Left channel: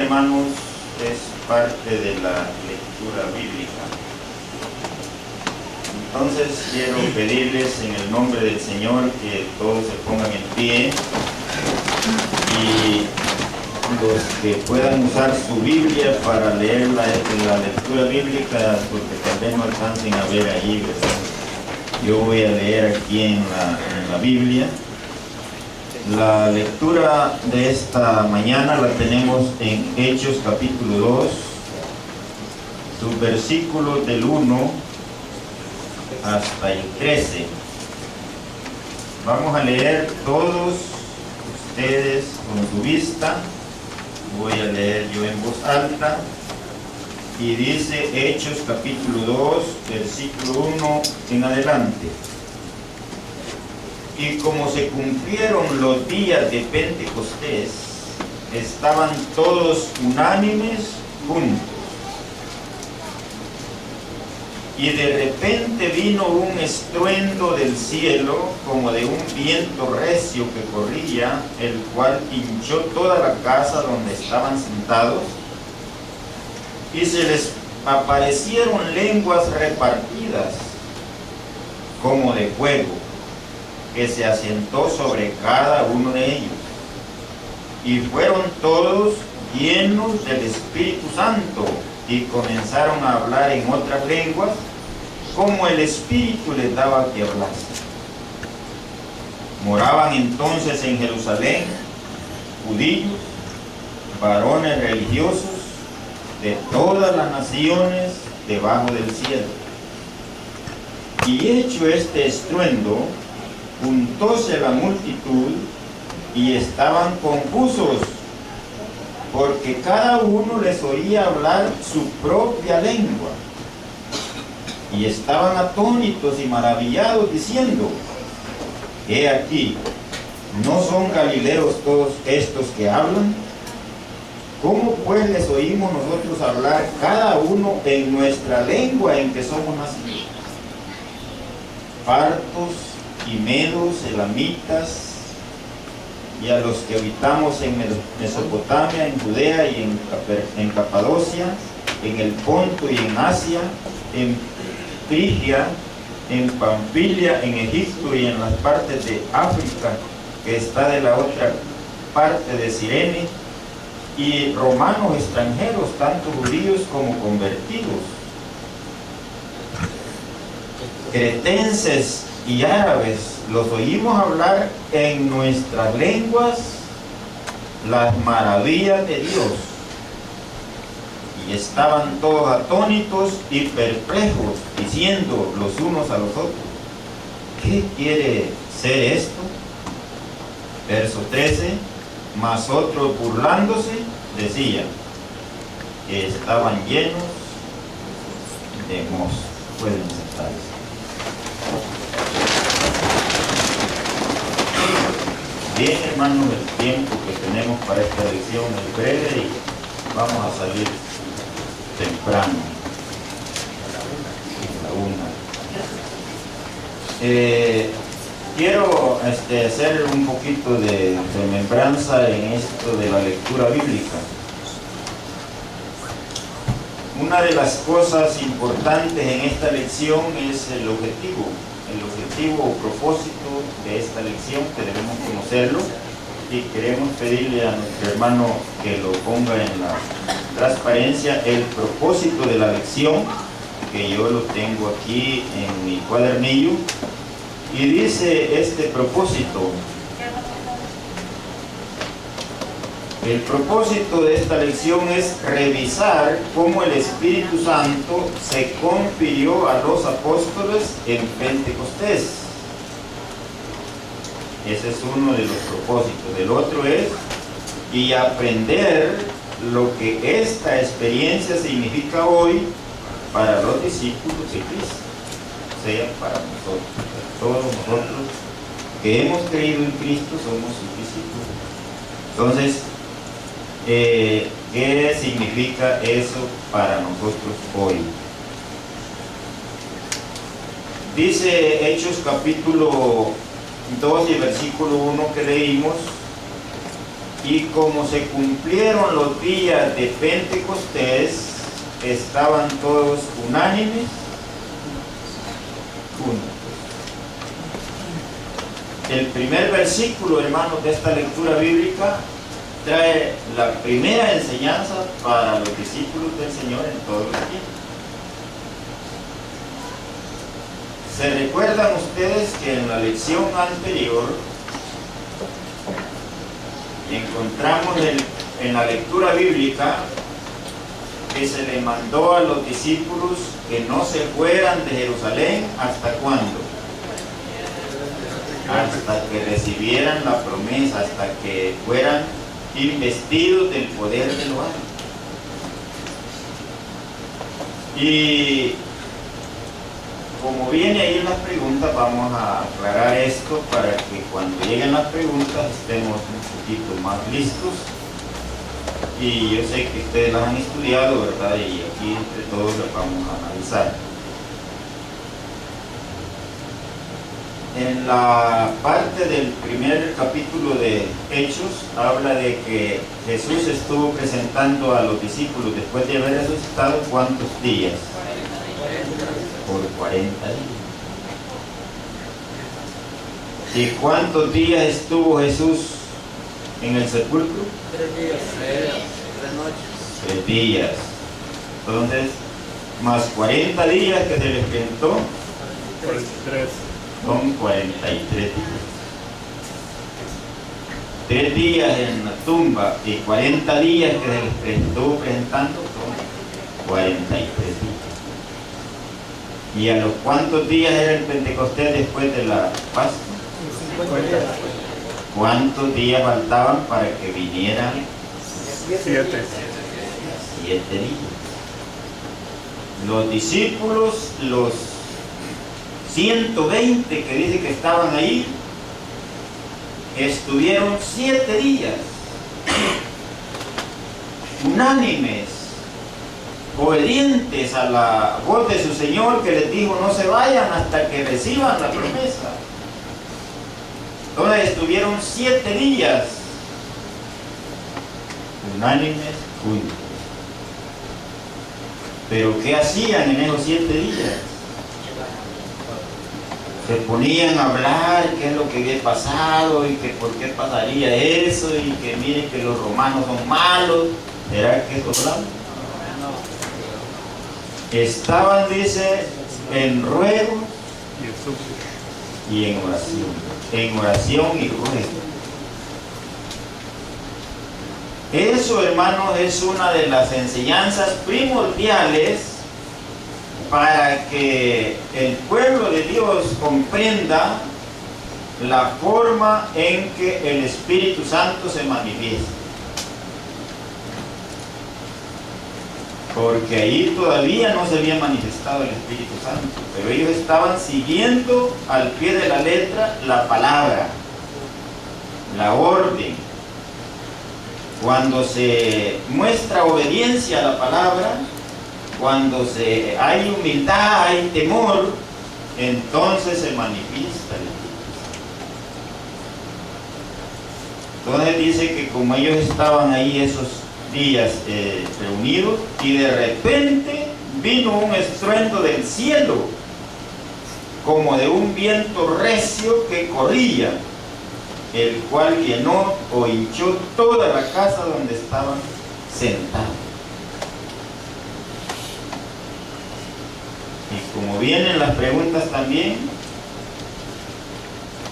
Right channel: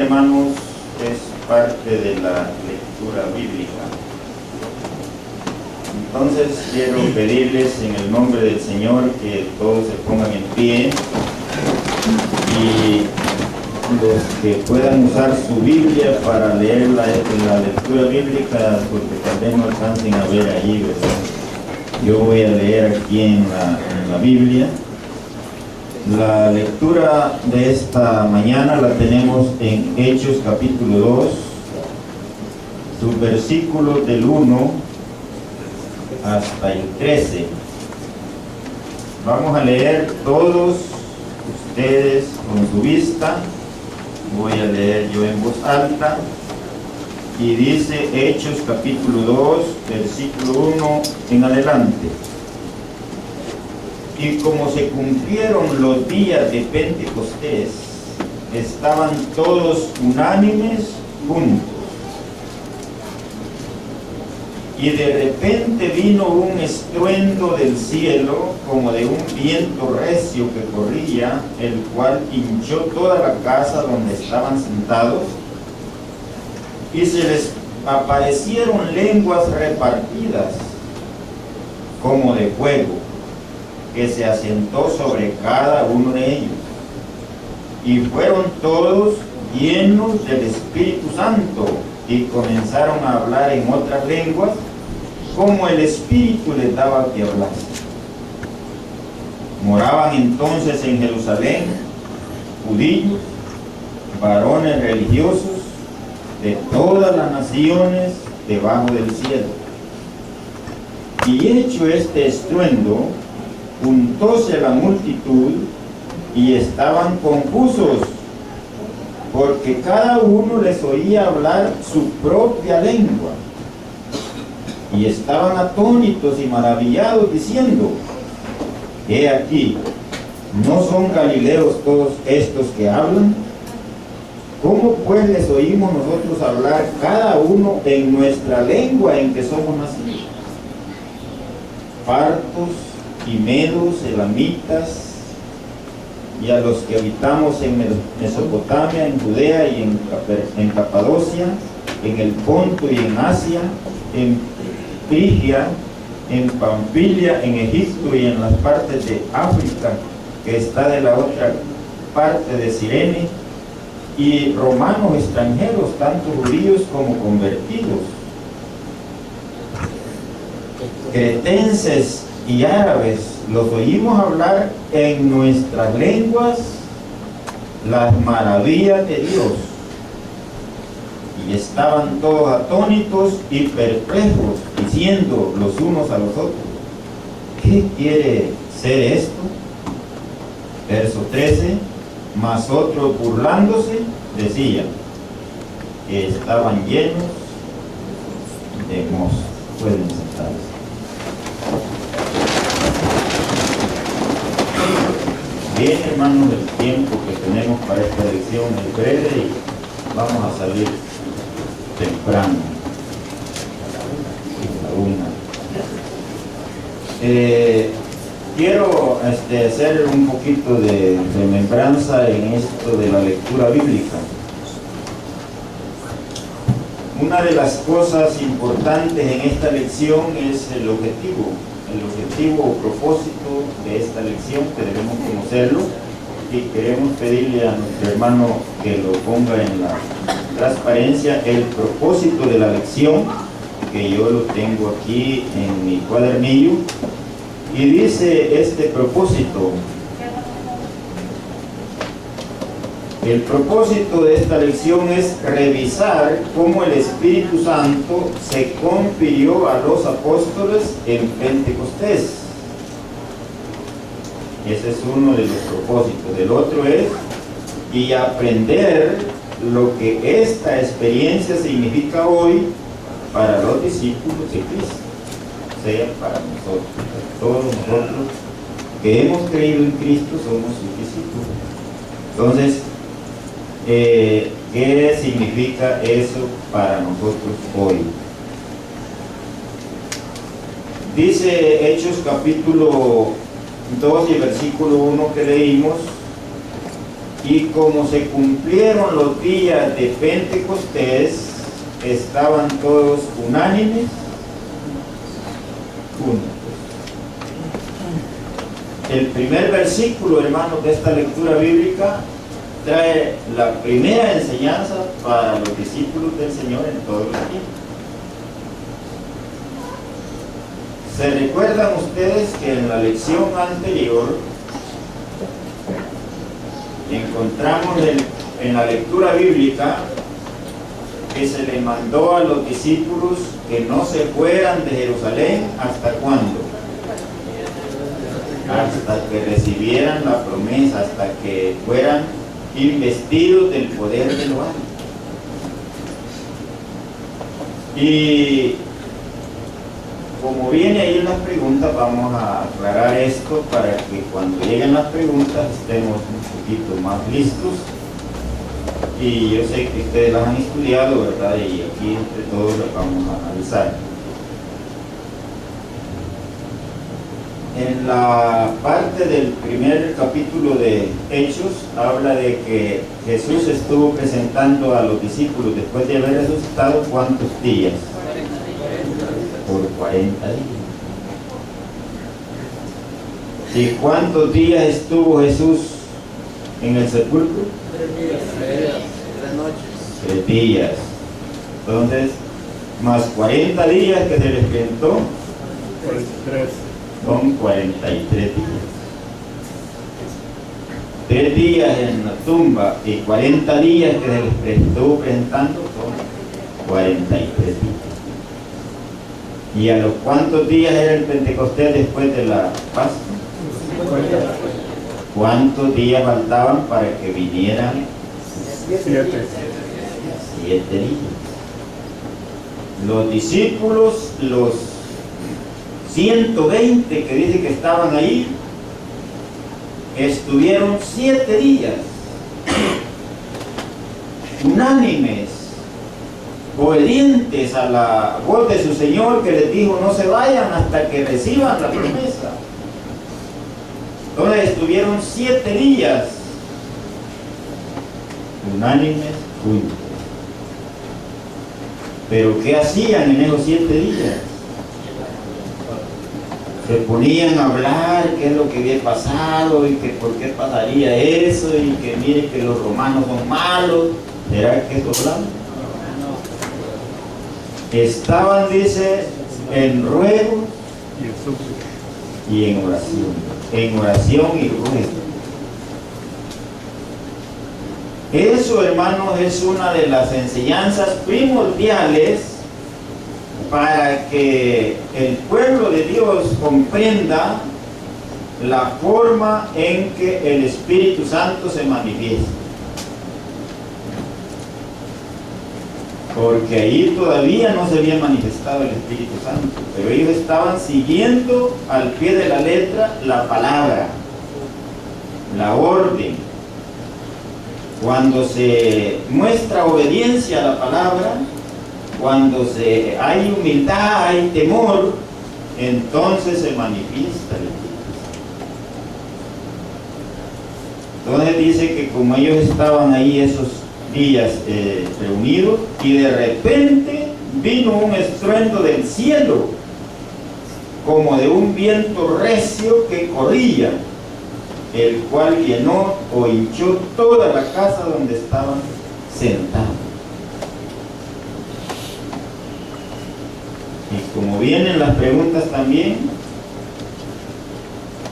Hermanos, es parte de la lectura bíblica. Entonces quiero pedirles en el nombre del Señor que todos se pongan en pie y los que puedan usar su Biblia para leer la lectura bíblica, porque tal vez no alcancen a ver ahí, ¿verdad? Yo voy a leer aquí en la Biblia. La lectura de esta mañana la tenemos en Hechos capítulo 2, sus versículos del 1 hasta el 13. Vamos a leer todos ustedes con su vista. Voy a leer yo en voz alta. Y dice Hechos capítulo 2, versículo 1 en adelante. Y como se cumplieron los días de Pentecostés, estaban todos unánimes juntos. Y de repente vino un estruendo del cielo, como de un viento recio que corría, el cual hinchó toda la casa donde estaban sentados, y se les aparecieron lenguas repartidas, como de fuego, que se asentó sobre cada uno de ellos. Y fueron todos llenos del Espíritu Santo, y comenzaron a hablar en otras lenguas, como el Espíritu les daba que hablasen. Moraban entonces en Jerusalén judíos, varones religiosos, de todas las naciones debajo del cielo. Y hecho este estruendo, juntóse la multitud y estaban confusos, porque cada uno les oía hablar su propia lengua. Y estaban atónitos y maravillados, diciendo: he aquí, ¿no son galileos todos estos que hablan? ¿Cómo pues les oímos nosotros hablar cada uno en nuestra lengua en que somos nacidos? Partos y medos, elamitas, y a los que habitamos en Mesopotamia, en Judea y en Capadocia, en el Ponto y en Asia, en Frigia, en Panfilia, en Egipto y en las partes de África que está de la otra parte de Cirene, y romanos extranjeros, tanto judíos como convertidos, cretenses y árabes, los oímos hablar en nuestras lenguas las maravillas de Dios. Y estaban todos atónitos y perplejos, diciendo los unos a los otros: ¿qué quiere ser esto? Verso 13: mas otros, burlándose, decían que estaban llenos de mosto. Pueden sentarse. Bien, hermanos, el tiempo que tenemos para esta lección es breve y vamos a salir temprano, a la 1. Quiero hacer un poquito de remembranza en esto de la lectura bíblica. Una de las cosas importantes en esta lección es el objetivo o propósito de esta lección, que debemos conocerlo, y queremos pedirle a nuestro hermano que lo ponga en la transparencia, el propósito de la lección, que yo lo tengo aquí en mi cuadernillo, y dice este propósito: el propósito de esta lección es revisar cómo el Espíritu Santo se confirió a los apóstoles en Pentecostés. Ese es uno de los propósitos. El otro es y aprender lo que esta experiencia significa hoy para los discípulos de Cristo, sea para nosotros. Todos nosotros que hemos creído en Cristo somos sus discípulos. Entonces, ¿qué significa eso para nosotros hoy? Dice Hechos capítulo 2 y versículo 1 que leímos: Y como se cumplieron los días de Pentecostés, estaban todos unánimes, juntos. El primer versículo, hermanos, de esta lectura bíblica trae la primera enseñanza para los discípulos del Señor en todos los tiempos. ¿Se recuerdan ustedes que en la lección anterior encontramos en la lectura bíblica que se le mandó a los discípulos que no se fueran de Jerusalén? ¿Hasta cuándo? Hasta que recibieran la promesa, hasta que fueran investidos del poder de lo alto. Y como viene ahí en las preguntas, vamos a aclarar esto para que cuando lleguen las preguntas estemos un poquito más listos. Y yo sé que ustedes las han estudiado, ¿verdad? Y aquí entre todos las vamos a analizar. En la parte del primer capítulo de Hechos habla de que Jesús estuvo presentando a los discípulos después de haber resucitado ¿cuántos días? Por 40 días. ¿Y cuántos días estuvo Jesús en el sepulcro? 3 días, 3 noches. 3 días. Entonces, más 40 días que se les presentó, 43. son 43 días. 3 días en la tumba y 40 días que se les estuvo presentando son 43 días. ¿Y a los cuántos días era el Pentecostés después de la Pascua? 50. ¿Cuántos días faltaban para que vinieran? 7. 7 días. Los discípulos, los 120 que dice que estaban ahí, estuvieron 7 días unánimes, obedientes a la voz de su Señor, que les dijo no se vayan hasta que reciban la promesa. Entonces estuvieron 7 días unánimes juntos. Pero ¿qué hacían en esos 7 días? Se ponían a hablar qué es lo que había pasado y que por qué pasaría eso y que mire que los romanos son malos. ¿Será que eso hablaban? Estaban, dice, en ruego y en oración y ruego. Eso, hermanos, es una de las enseñanzas primordiales para que el pueblo de Dios comprenda la forma en que el Espíritu Santo se manifiesta. Porque ahí todavía no se había manifestado el Espíritu Santo, pero ellos estaban siguiendo al pie de la letra la palabra, la orden. Cuando se muestra obediencia a la palabra, cuando hay humildad, hay temor, entonces se manifiesta el Espíritu Santo. Entonces dice que como ellos estaban ahí esos días reunidos, y de repente vino un estruendo del cielo, como de un viento recio que corría, el cual llenó o hinchó toda la casa donde estaban sentados. Y como vienen las preguntas también,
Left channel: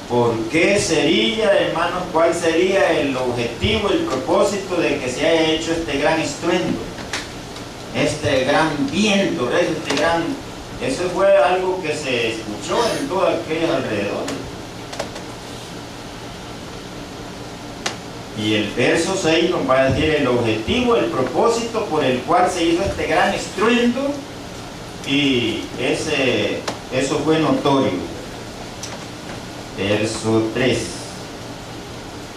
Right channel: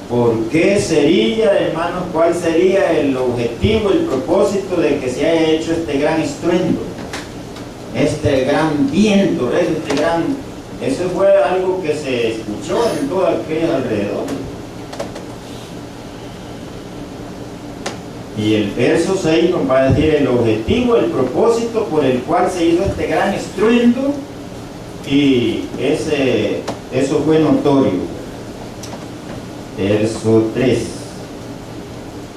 ¿por qué sería, hermanos, cuál sería el objetivo, el propósito de que se haya hecho este gran estruendo? Este gran viento, eso fue algo que se escuchó en todo aquello alrededor. Y el verso 6 nos va a decir el objetivo, el propósito por el cual se hizo este gran estruendo, y eso fue notorio. Verso 3.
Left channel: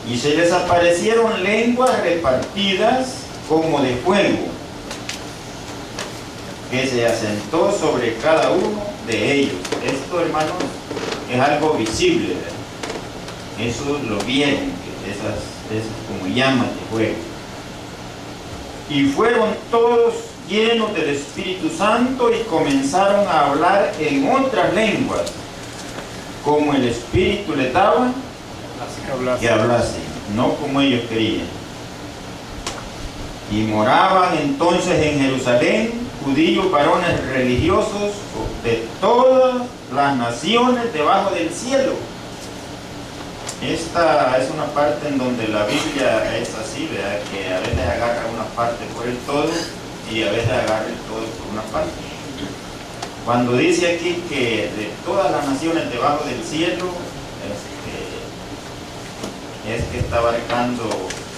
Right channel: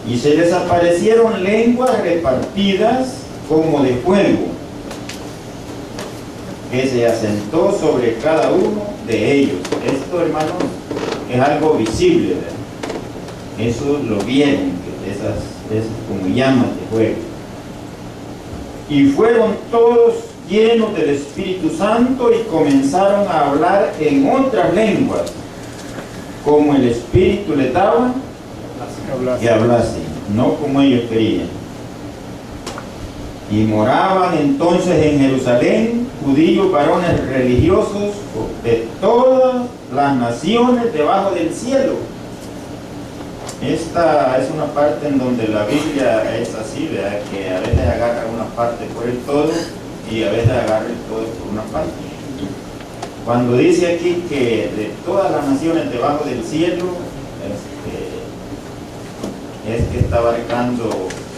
Y se les aparecieron lenguas repartidas como de fuego, que se asentó sobre cada uno de ellos. Esto, hermanos, es algo visible, ¿verdad? Eso lo vieron, que esa esas como llamas de fuego. Y fueron todos llenos del Espíritu Santo y comenzaron a hablar en otras lenguas, como el Espíritu les daba que hablasen, no como ellos querían. Y moraban entonces en Jerusalén judíos varones religiosos de todas las naciones debajo del cielo. Esta es una parte en donde la Biblia es así, ¿verdad? Que a veces agarra una parte por el todo y a veces agarra el todo por una parte. Cuando dice aquí que de todas las naciones debajo del cielo, es que está abarcando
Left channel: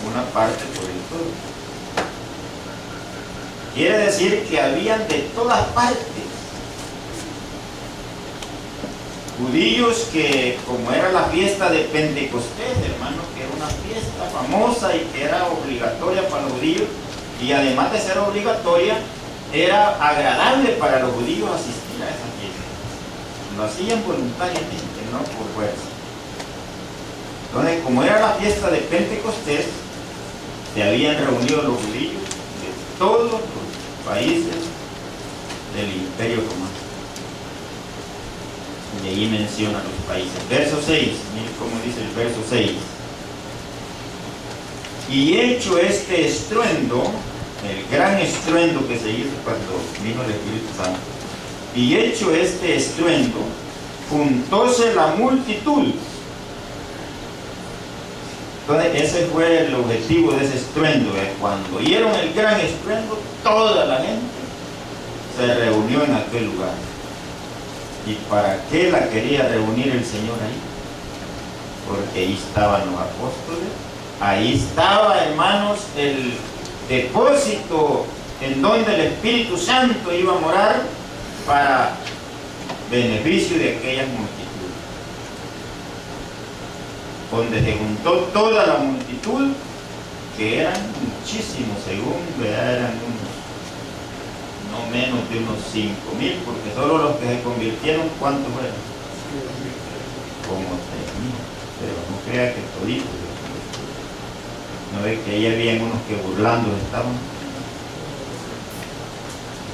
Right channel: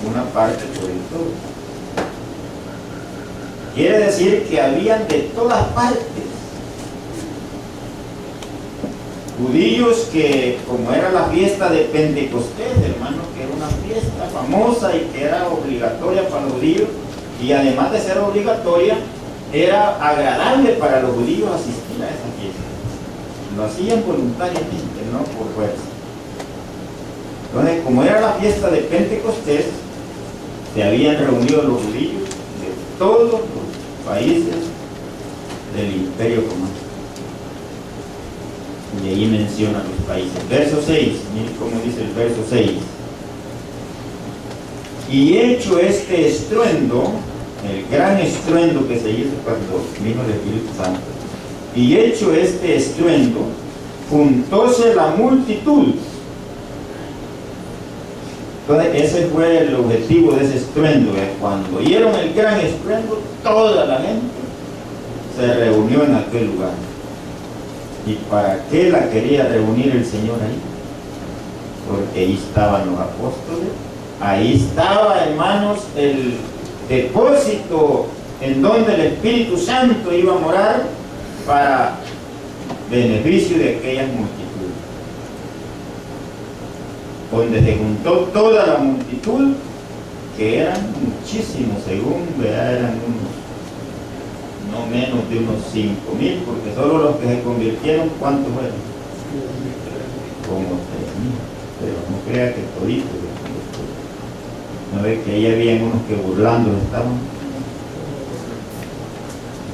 una parte por el todo. Quiere decir que habían de todas partes judíos que, como era la fiesta de Pentecostés, hermanos, que era una fiesta famosa y que era obligatoria para los judíos, y además de ser obligatoria, era agradable para los judíos asistir a esa fiesta. Lo hacían voluntariamente, no por fuerza. Entonces, como era la fiesta de Pentecostés, se habían reunido los judíos de todos los países del Imperio Romano. Y ahí menciona los países. Verso 6, miren cómo dice el verso 6. Y hecho este estruendo, el gran estruendo que se hizo cuando vino el Espíritu Santo, y hecho este estruendo, juntóse la multitud. Entonces ese fue el objetivo de ese estruendo, que cuando oyeron el gran estruendo, toda la gente se reunió en aquel lugar. ¿Y para qué la quería reunir el Señor ahí? Porque ahí estaban los apóstoles, ahí estaba, hermanos, el depósito en donde el Espíritu Santo iba a morar para beneficio de aquellas multitudes. Donde se juntó toda la multitud, que eran muchísimos, según eran no menos de unos 5,000, porque solo los que se convirtieron, ¿cuántos fueron? Como 3,000, pero no crea que toditos. ¿No ve que ahí habían unos que burlando estaban?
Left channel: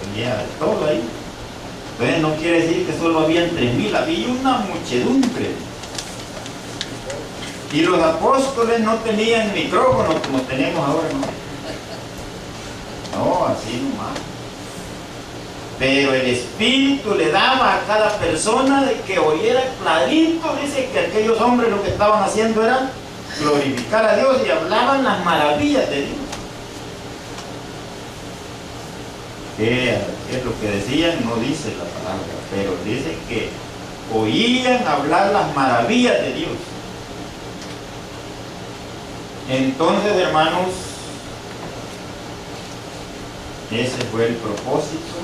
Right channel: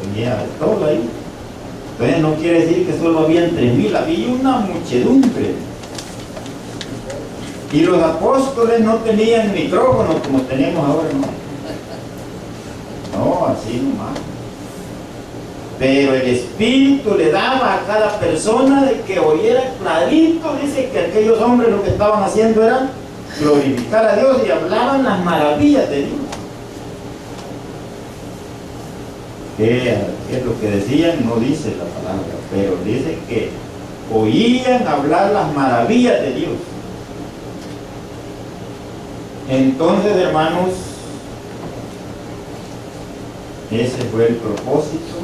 Tenía de todo ahí. Entonces no quiere decir que solo habían 3,000, había una muchedumbre. Y los apóstoles no tenían micrófono como tenemos ahora, no, así nomás. Pero el Espíritu le daba a cada persona de que oyera clarito. Dice que aquellos hombres lo que estaban haciendo era glorificar a Dios y hablaban las maravillas de Dios. ¿Qué es lo que decían? No dice la palabra, pero dice que oían hablar las maravillas de Dios. Entonces, hermanos, ese fue el propósito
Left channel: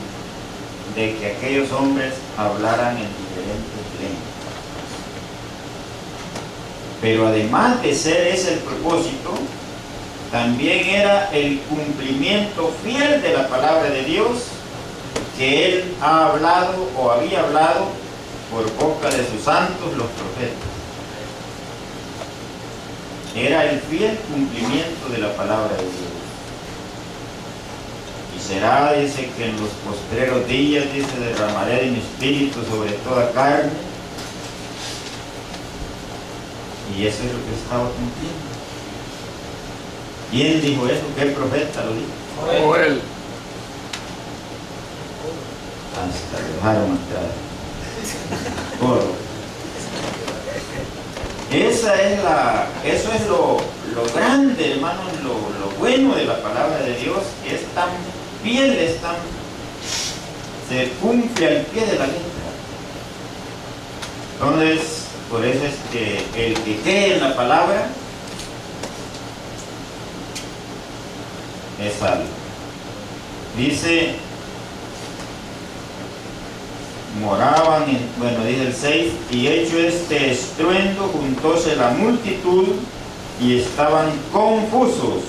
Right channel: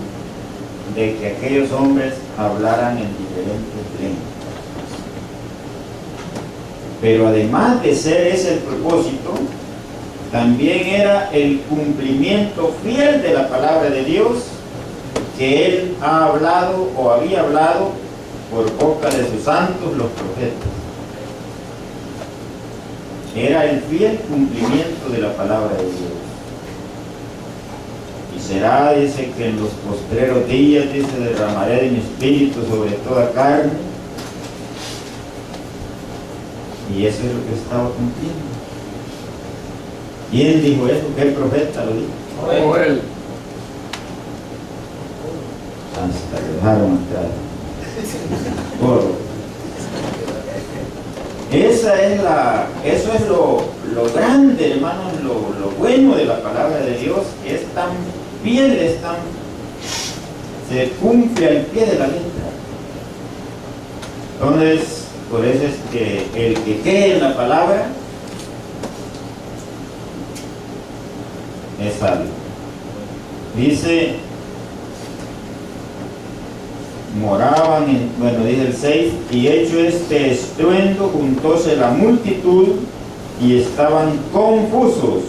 de que aquellos hombres hablaran en diferentes lenguas. Pero además de ser ese el propósito, también era el cumplimiento fiel de la palabra de Dios que Él ha hablado o había hablado por boca de sus santos los profetas. Era el fiel cumplimiento de la palabra de Dios. Y será, dice, que en los postreros días, dice, derramaré de mi espíritu sobre toda carne. Y eso es lo que estaba cumpliendo. ¿Quién dijo eso? ¿Qué profeta lo dijo? Joel. Hasta lo dejaron entrar. Coro. Eso es lo grande, hermanos, lo bueno de la palabra de Dios, que es tan fiel, se cumple al pie de la letra. Entonces, por eso es que el que cree en la palabra es salvo. Dice, moraban dice el 6, y hecho este estruendo, juntóse la multitud y estaban confusos.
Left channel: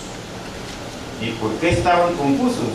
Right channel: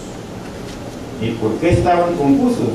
¿Y por qué estaban confusos?